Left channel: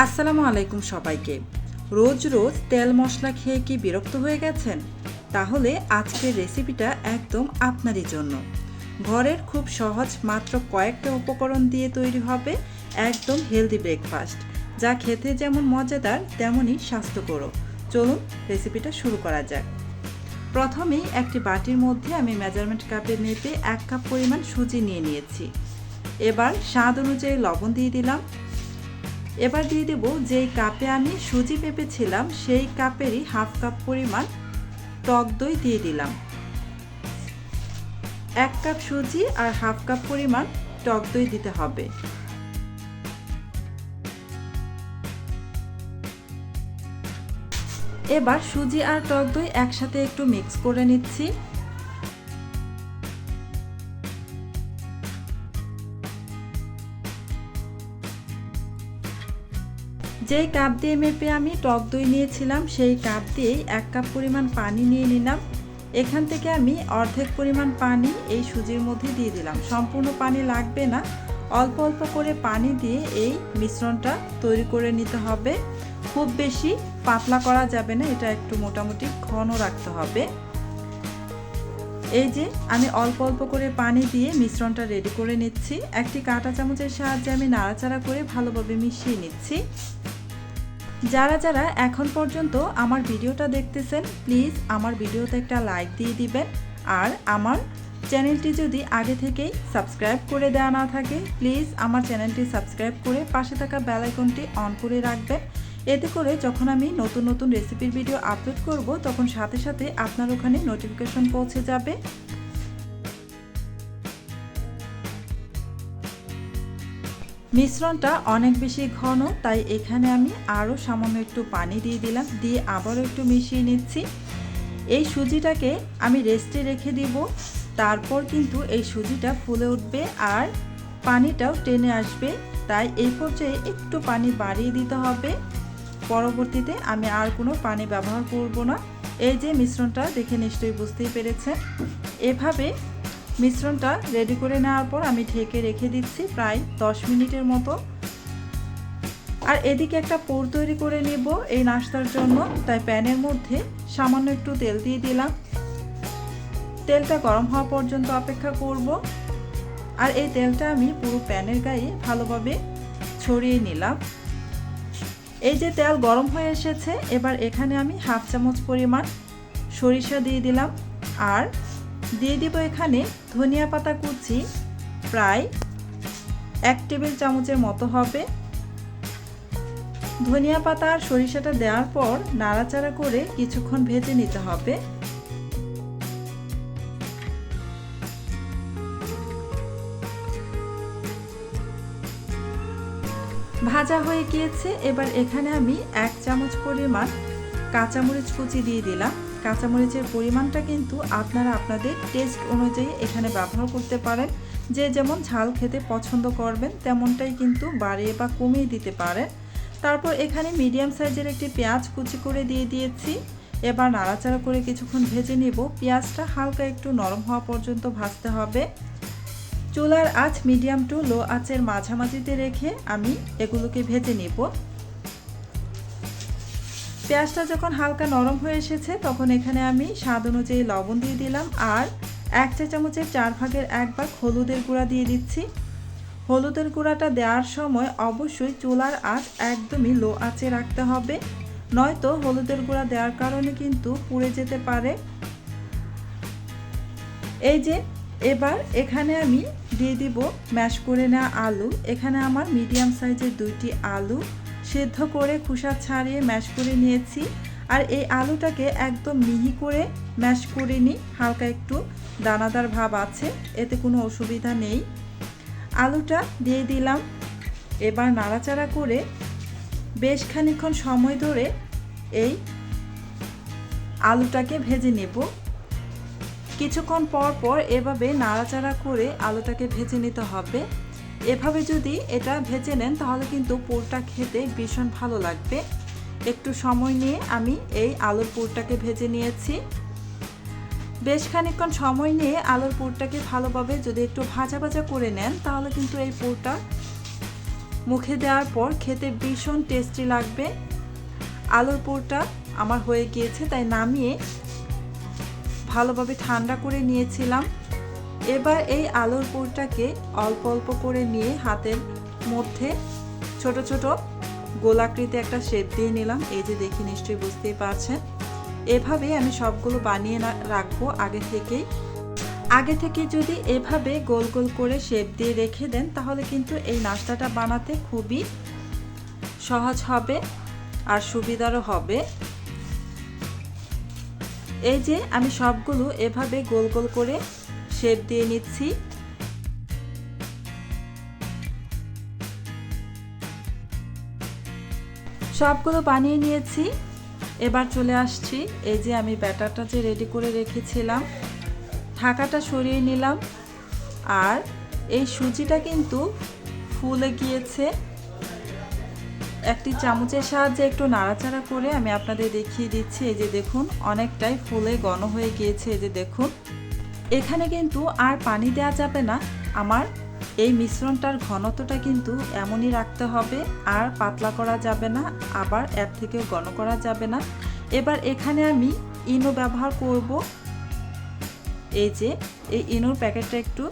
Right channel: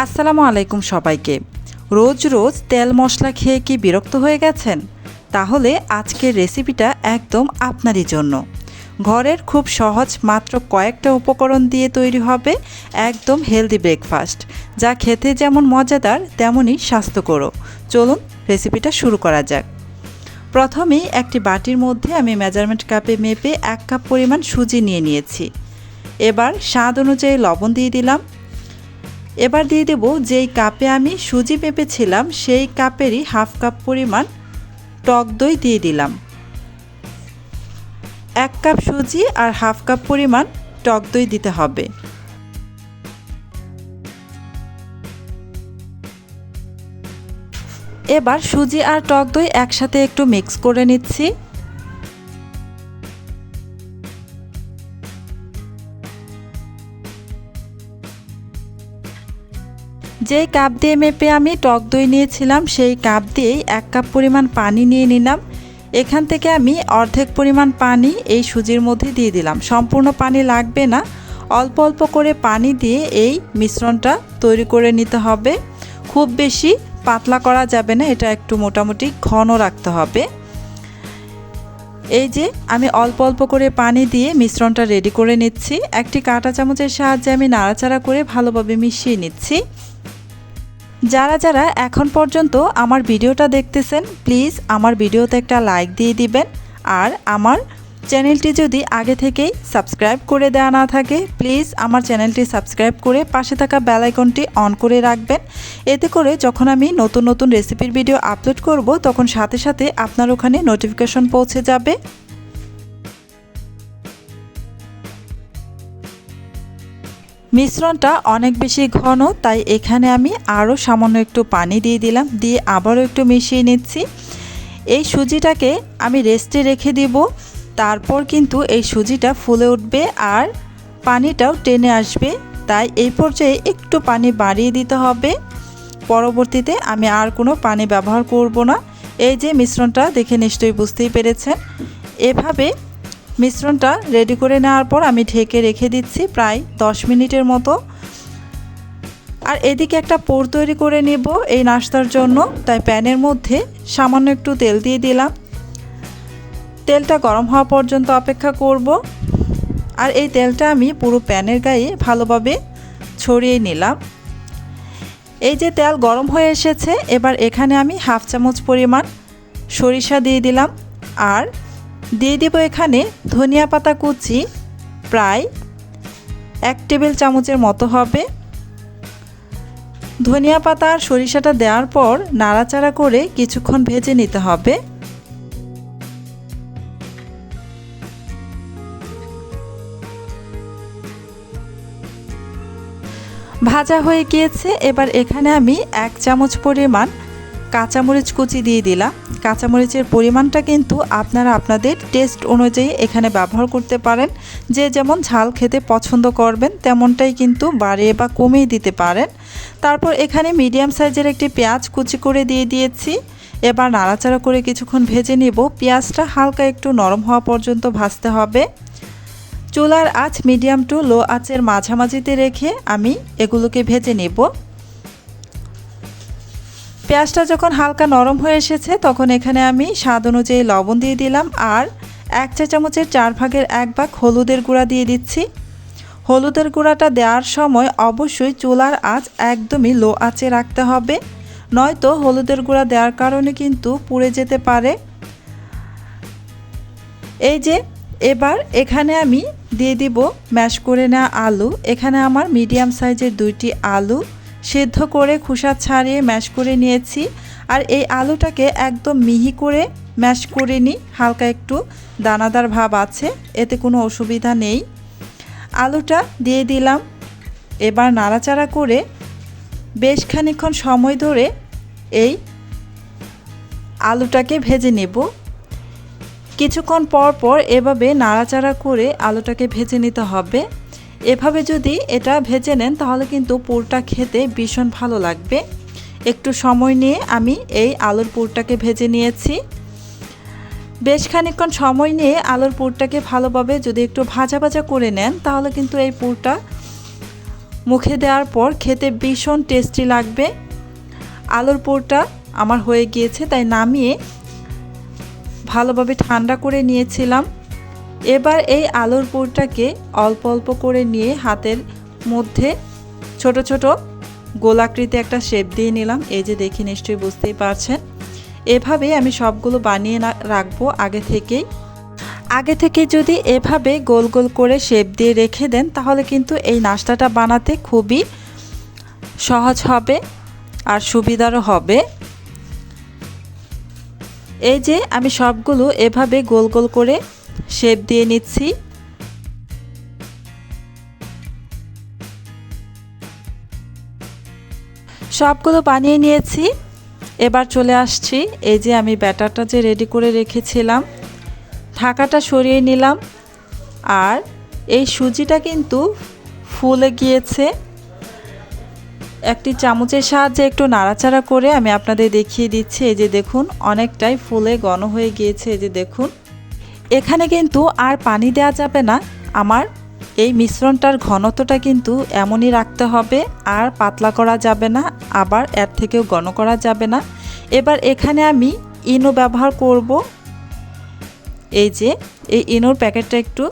আসসালামু আলাইকুম সবাইকে। রোজ রোজ তেল মশলা খেয়ে কি বিরক্ত হয়ে গেছেন? তাহলে আজকের রেসিপিটা একদম আপনারই জন্য। ঘরের খুব সহজ মাত্র কয়েকটা উপকরণ দিয়ে তৈরি হবে একদম হেলদি ব্রেকফাস্ট, যা খেতে যেমন মজাদার তেমনই স্বাস্থ্যকর। চলুন রেসিপিটা শুরু করা যাক। প্রথমেই একটি বাটির মধ্যে আমি মেজারমেন্ট কাপে মেপে 1 কাপ পরিমাণ সুজি নিয়ে নিয়েছি। এবার স্বাদ অনুযায়ী লবণ দিয়ে দিলাম। এবার দিয়ে দেব যেই কাপে আমি সুজি মেপেছিলাম সেই কাপেরই হাফ কাপ পরিমাণ টক দই দিয়ে দিলাম। 1 কাপ সুজি আর হাফ কাপ পরিমাণ টক দই দিতে হবে। এবার সুজি আর টক দই একসাথে একটু মিক্স করে নিচ্ছি। যেই কাপ দিয়ে মেপে আমি টক দই নিয়েছিলাম সেই কাপ দিয়েই 1 কাপ পরিমাণ পানি নিয়ে নিলাম। এখান থেকে আমি অর্ধেক পরিমাণ পানি এই সুজির মধ্যে দিয়ে দিলাম। সম্পূর্ণ পানি লাগবে না, অল্প অল্প করে পানি দিয়ে এই মিশ্রণটা তৈরি করে নিতে হবে। খুব বেশি পাতলা করা যাবে না, এটা একটু মোটামুটি ঘন রাখতে হবে। এই যে আমি অল্প অল্প করে পানি দিয়ে মিশ্রণটা রেডি করে নিচ্ছি। একটি কাঁটা চামচের সাহায্যে আমি নাড়াচাড়া করে ভালোভাবে মিশিয়ে নিচ্ছি। যারা যারা এখন পর্যন্ত আমার ভিডিওটা দেখতেছেন, প্লিজ আমার ভিডিওতে একটা লাইক দিয়ে দিবেন। আর আমার চ্যানেলটি যদি আগে থেকেই সাবস্ক্রাইব করে দেওয়া না থাকে, প্লিজ আমার চ্যানেলটি সাবস্ক্রাইব করে পাশে থাকা বেল আইকনটি অন করে রাখবেন। এতে করে যখন আমি নতুন নতুন রেসিপির ভিডিও আপলোড করব, তখন সাথে সাথে আপনার ওখানে নোটিফিকেশন পৌঁছে যাবে। মিশ্রণটা অনেক বেশি ঘন, তাই এখানে আমি আরও সামান্য একটু পানি দিয়ে দিলাম, দিয়ে আবারও একটু মিশিয়ে নিচ্ছি। এই সুজিটাকে আমি রেস্টে রেখে দিব, তারপর কিন্তু এই সুজিটা ফুলে উঠবে আর পানিটাও টেনে আসবে। তাই এই পর্যায়ে একটু পানি বাড়িয়ে দিতে হবে। পরবর্তীতে আমি আর কোনো পানি ব্যবহার করব না। এই যে মিশ্রণটা দেখে নিশ্চয়ই বুঝতেই পেরেছেন। এভাবে মিশ্রণটা রেডি করে নেওয়ার পর আমি ঢেকে রেখে দিচ্ছি প্রায় 10 মিনিটের মতো। আর এদিকে একটা পুর তৈরি করে নেব এই নাস্তার জন্য, তাই প্যানের মধ্যে সামান্য একটু তেল দিয়ে দিলাম। তেলটা গরম হওয়া পর্যন্ত অপেক্ষা করব। আর এই তেলটা আমি পুরো প্যানের গায়ে ভালোভাবে ছড়িয়ে নিলাম। এই যে তেল গরম হয়ে এসেছে, এবার এখানে আমি হাফ চামচ পরিমাণ সরিষা দিয়ে দিলাম। আর দিয়ে দেব এখানে ধনিয়া পাতা কুচি, প্রায় 1 টেবিল চামচের মতো হবে। ধনিয়া পাতা আর সরিষাটা দেওয়ার পর নাড়াচাড়া করে কিছুক্ষণ ভেজে নিতে হবে। ভাজা হয়ে গিয়েছে। এবার এখানে আমি 1 চামচ পরিমাণ কাঁচামরিচ কুচি দিয়ে দিলাম। কাঁচামরিচের পরিমাণটা কিন্তু আপনারা আপনাদের টেস্ট অনুযায়ী এখানে ব্যবহার করতে পারেন। যে যেমন ঝাল খেতে পছন্দ করবেন তেমনটাই কিন্তু বাড়িয়ে বা কমিয়ে দিতে পারেন। তারপর এখানে মিডিয়াম সাইজের একটি পেঁয়াজ কুচি করে দিয়ে দিয়েছি। এবার নাড়াচাড়া করে কিছুক্ষণ ভেজে নেব। পেঁয়াজটা হালকা একটু নরম হওয়া পর্যন্ত ভাজতে হবে। চুলার আঁচ মিডিয়াম টু লো আঁচের মাঝামাঝিতে রেখে আমি এগুলোকে ভেজে নেব। পেঁয়াজটা যখন হালকা নরম হয়ে এসেছে, তখন এখানে আমি স্বাদ অনুযায়ী লবণ দিয়ে দিলাম। আর 1 চা চামচের 4 ভাগের 1 ভাগ হলুদের গুঁড়া দিয়ে দিচ্ছি। হলুদের গুঁড়াটা দেওয়ার সময় অবশ্যই চুলার আঁচ একদমই লো আঁচে রাখতে হবে, নয়তো হলুদের গুঁড়া দেওয়ার কারণে কিন্তু পুড়ে যেতে পারে। এই যে এবার এখানে আমি দিয়ে দিব ম্যাশ করে নেওয়া আলু। এখানে আমার মিডিয়াম সাইজের 2টি আলু সেদ্ধ করে খোসা ছাড়িয়ে ম্যাশ করে নিয়েছি। আর এই আলুটাকে একদম মিহি করে ম্যাশ করে নিই, হালকা একটু দানাদার ভাব আছে, এতে কোনো অসুবিধা নেই। আলুটা দিয়ে দিলাম। এবার নাড়াচাড়া করে বেশ খানিকক্ষণ সময় ধরে এই আলুটাকে ভেজে নেব। কিছুক্ষণ পর পর এভাবে নাড়াচাড়া করে আলুটাকে ভেজে নিতে হবে। এভাবে যদি এটা ভেজে নেন তাহলে কিন্তু পুরটা খেতে ভীষণ ভালো লাগবে। একটু সময় নিয়ে আমি এই আলুর পুরটাকে ভেজে নিয়েছি। বেশ খানিকক্ষণ সময় নিয়ে আলুর পুরটাকে ভালোভাবে যদি একটু ভাজা ভাজা করে নেন তাহলে কিন্তু এই পুরটা মুখে দেওয়ার পর খেতে ভীষণ টেস্টি লাগবে। আলুর পুরটা আমার হয়ে গিয়েছে, তাই নামিয়ে ভালোভাবে ঠান্ডা করে নিয়েছিলাম। এবার এই আলুর পুরটাকে অল্প অল্প করে নিয়ে হাতের মধ্যে ছোট ছোট গোলাকৃতি একটা শেপ দিয়ে নিলাম। এই যে দেখি, নিশ্চয়ই বুঝতেই পারছেন। এভাবে আমি সবগুলো বানিয়ে রাখবো আগে থেকে যদি এভাবে গোল গোল করে শেপ দিয়ে রেখে দেন, তাহলে কিন্তু এই নাস্তাটা বানাতে খুবই সহজ হবে আর সুবিধারও হবে। এই যে আমি সবগুলো এভাবে গোল গোল করে শেপ দিয়ে নিচ্ছি। সবগুলো বানিয়ে নিয়েছি। এবার চলে আসছি, এই যে আমি ব্যাটারটা যে রেডি করে রেখেছিলাম, ঢাকাটা সরিয়ে নিলাম। আর এই সুজিটা কিন্তু ফুলে গিয়েছে। একটি চামচের সাহায্যে একটু নাড়াচাড়া করে আমি আপনাদের দেখিয়ে দিচ্ছি। এই যে দেখুন, অনেকটাই ফুলে ঘন হয়ে গিয়েছে। এই যে দেখুন, এখানে কিন্তু আর পানি দেওয়া যাবে না। আমার এই মিশ্রণটার ঘনত্বটা কিন্তু এমনই রাখতে হবে, আর পাতলা করা যাবে না, আবার এর থেকেও ঘন করা যাবে না। এবার এখানে আমি ইনো ব্যবহার করব। এই যে এই ইনোর প্যাকেটটা একটু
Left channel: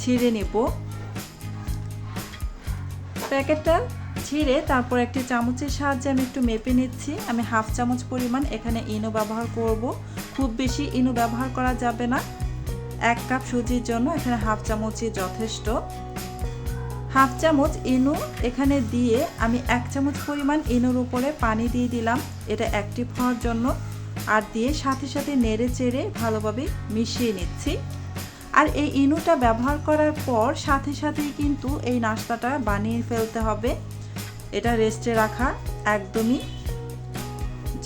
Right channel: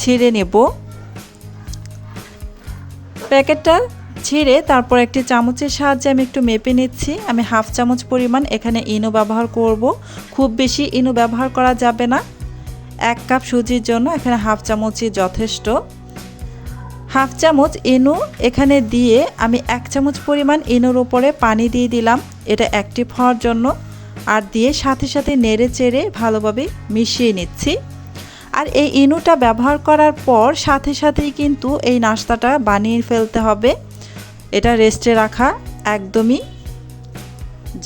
ছিঁড়ে নেব। প্যাকেটটা ছিঁড়ে তারপর একটি চামচের সাহায্যে আমি একটু মেপে নিচ্ছি। আমি হাফ চামচ পরিমাণ এখানে ইনো ব্যবহার করব। খুব বেশি ইনো ব্যবহার করা যাবে না। 1 কাপ সুজির জন্য এখানে হাফ চামচই যথেষ্ট। হাফ চামচ ইনো এখানে দিয়ে আমি 1 চামচ পরিমাণ ইনোর উপরে পানি দিয়ে দিলাম, এটা অ্যাক্টিভ হওয়ার জন্য। আর দিয়ে সাথে সাথে নেড়ে চেড়ে ভালোভাবে মিশিয়ে নিচ্ছি। আর এই ইনোটা ব্যবহার করার পর সাথে সাথেই কিন্তু এই নাস্তাটা বানিয়ে ফেলতে হবে। এটা রেস্টে রাখা একদমই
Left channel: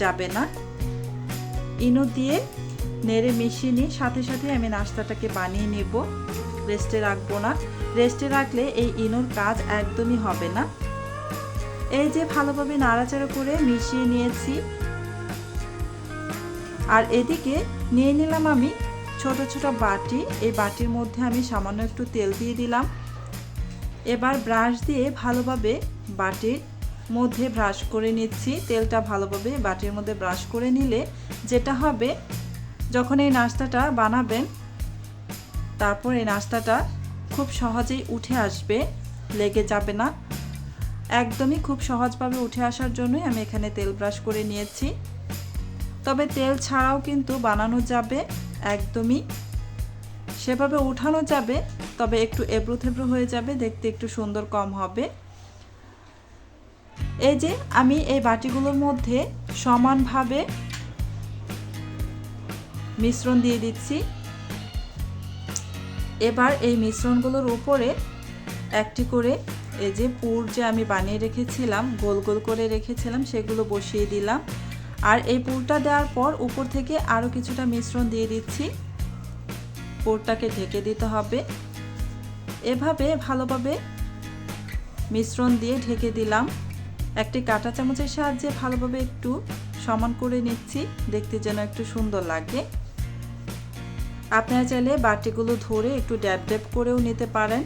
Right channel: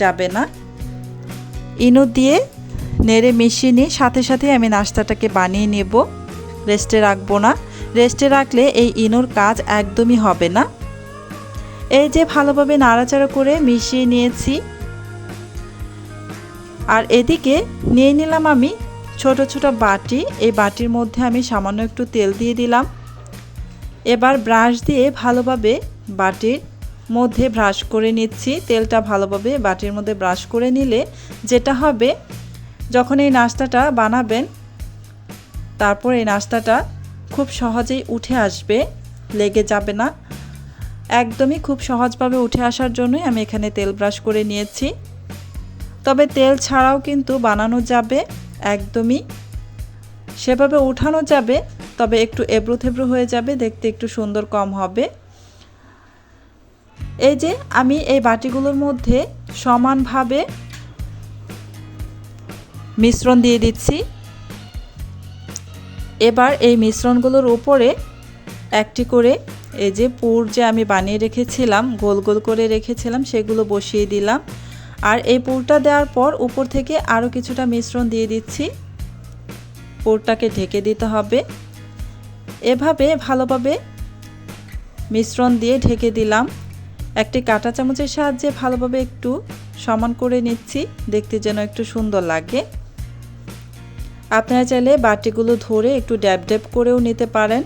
যাবে না। ইনো দিয়ে নেড়ে মিশিয়ে নিয়ে সাথে সাথে আমি নাস্তাটাকে বানিয়ে নেব, রেস্টে রাখবো না। রেস্টে রাখলে এই ইনোর কাজ একদমই হবে না। এই যে ভালোভাবে নাড়াচাড়া করে মিশিয়ে নিয়েছি। আর এদিকে নিয়ে নিলাম আমি ছোট ছোট বাটি। এই বাটির মধ্যে আমি সামান্য একটু তেল দিয়ে দিলাম। এবার ব্রাশ দিয়ে ভালোভাবে বাটির মধ্যে ব্রাশ করে নিচ্ছি। তেলটা ভালোভাবে বাটির মধ্যে ব্রাশ করে নিলে যেটা হবে, যখন এই নাস্তাটা বানাবেন, তারপর এই নাস্তাটা খুব সহজেই উঠে আসবে, লেগে যাবে না। একদমই খুব সহজভাবে উঠে আসার জন্যই আমি এখানে তেল ব্রাশ করে নিয়েছি। তবে তেল ছাড়াও কিন্তু বানানো যাবে, একদমই সেভাবে উঠানো যাবে, তবে একটু এবড়ো থেবড়ো হয়ে যাবে, দেখতে একটু সুন্দর কম হবে। এই যে আমি এই বাটিগুলোর মধ্যে সমানভাবে মিশ্রণ দিয়ে দিচ্ছি। এবার এই মিশ্রণগুলোর উপরে একটি করে এই যে পুর যে আমি বানিয়ে রেখেছিলাম, গোল গোল করে রেখেছিলাম, সেগুলো বসিয়ে দিলাম। আর এই পুরটা দেওয়ার পর উপর থেকে আরও কিছুটা মিশ্রণ দিয়ে দিচ্ছি। পুরটাকে ঢেকে দিতে হবে। এভাবে ভালোভাবে মিশ্রণ দিয়ে ঢেকে দিলাম। একটি কাঁটা চামচের সাহায্যে ভালোভাবে একটু সমান করে নিচ্ছি, দেখতে যেন একটু সুন্দর লাগে। আপনারা চাইলে বাটিগুলো ধরে একটু ড্যাব ড্যাব করেও নিতে পারেন।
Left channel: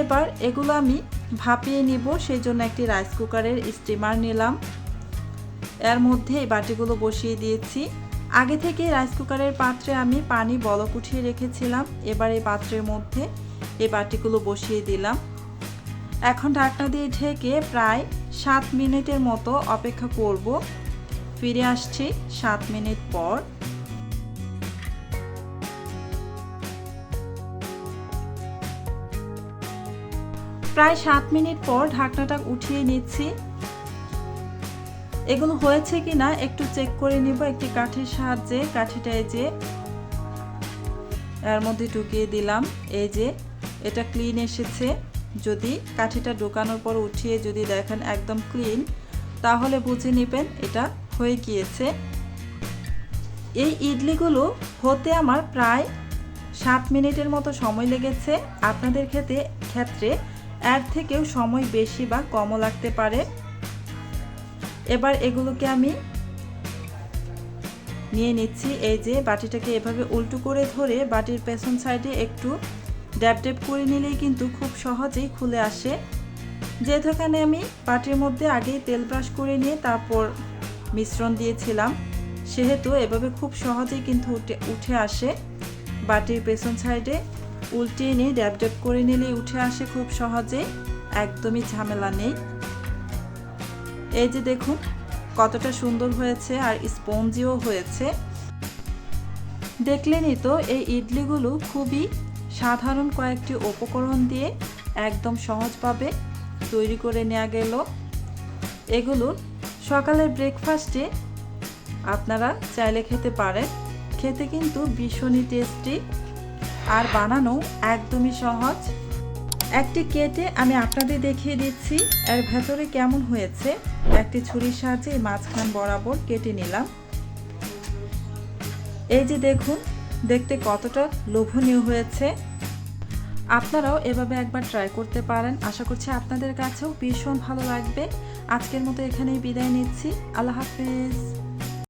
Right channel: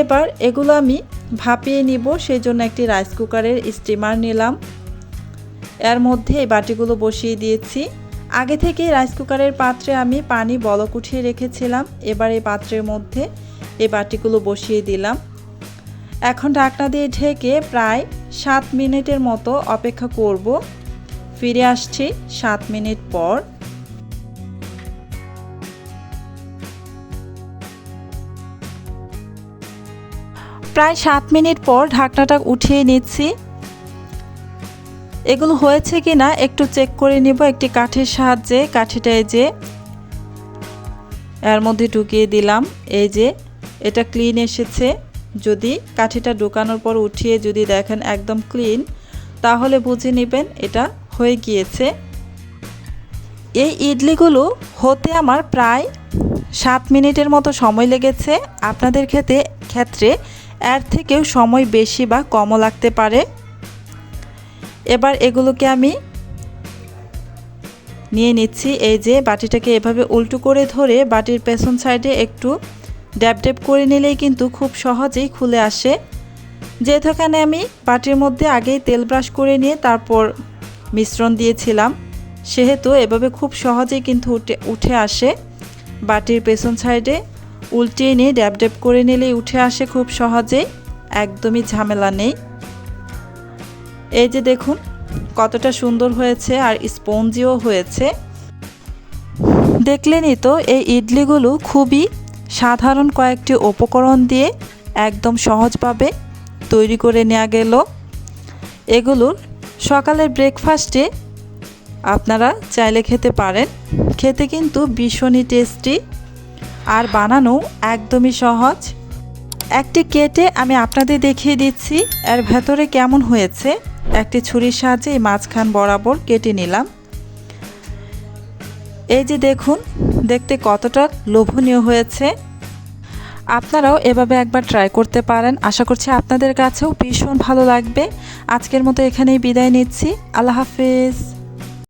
এবার এগুলো আমি ভাপিয়ে নিব, সেই জন্য একটি রাইস কুকারের স্টিমার নিলাম। এর মধ্যে এই বাটিগুলো বসিয়ে দিয়েছি। আগে থেকে রাইস কুকারের পাত্রে আমি পানি বলক উঠিয়ে রেখেছিলাম। এবার এই পাত্রের মধ্যে এই বাটিগুলো বসিয়ে দিলাম। এখন ঢাকনা দিয়ে ঢেকে প্রায় 7 মিনিটের মতো অপেক্ষা করব। ফিরে আসছি 7 মিনিট পর। প্রায় 7 মিনিট পর ঢাকনাটা উঠিয়ে নিচ্ছি। এগুলো হয়েছে কিনা একটু চেক করে নিব একটি কাঠির সাহায্যে। কাঠিটা এই যে এর মধ্যে ঢুকিয়ে দিলাম। এই যে এটা ক্লিন এসেছে। যদি কাঠিটা ঢোকানোর পর উঠিয়ে যদি দেখেন একদম ক্লিন, তাহলে বুঝে নেবেন এটা হয়ে গিয়েছে। এই ইডলিগুলো হতে আমার প্রায় 7 মিনিটের মতো সময় লেগেছে। আপনাদের ক্ষেত্রে এর থেকেও সময় বেশি বা কমও লাগতে পারে। এবার এগুলোকে আমি নিয়ে নিচ্ছি। এই যে বাটিটাকে এভাবে উল্টো করে ধরে বাটির পেছন সাইডে একটু ড্যাব ড্যাব করে নিলেই কিন্তু খুব সহজেই খুলে আসে। যেহেতু এখানে আমি বাটির মধ্যে আগেই তেল ব্রাশ করে নিয়ে তারপর মিশ্রণ দিয়েছিলাম, সেহেতু এভাবে খুব সহজেই কিন্তু উঠে আসে। বাটির পেছন সাইডে উল্টিয়ে নিয়ে ড্যাব ড্যাব করে নিলেই উঠে আসে খুব সহজে, একদমই ঝামেলা নেই। এই যে দেখুন কতটা সুন্দর হয়েছে আর স্পঞ্জিও হয়েছে। দেখলেনই তো, এই ইডলিগুলো খুবই সাধারণ কয়েকটি উপকরণ দিয়ে একদম সহজভাবে তৈরি করে নেওয়া গেল। এগুলোর সকালের ব্রেকফাস্টে আপনারা চাইলে খেতে পারেন। খেতে কিন্তু ভীষণই টেস্টি আর বানানো একদমই সহজ। একটি কেটে আমি আপনাদের দেখিয়ে দিচ্ছি এর ভেতরে কেমন হয়েছে। একটি ছুরির সাহায্যে মাঝখান বরাবর কেটে নিলাম। এই যে দেখুন দেখতে কতটা লোভনীয় হয়েছে। আপনারাও এভাবে একবার ট্রাই করতে পারেন। আশা করছি আপনাদের কাছেও ভীষণ ভালো লাগবে। আজকের মতো এখানেই বিদায় নিচ্ছি। আল্লাহ হাফেজ।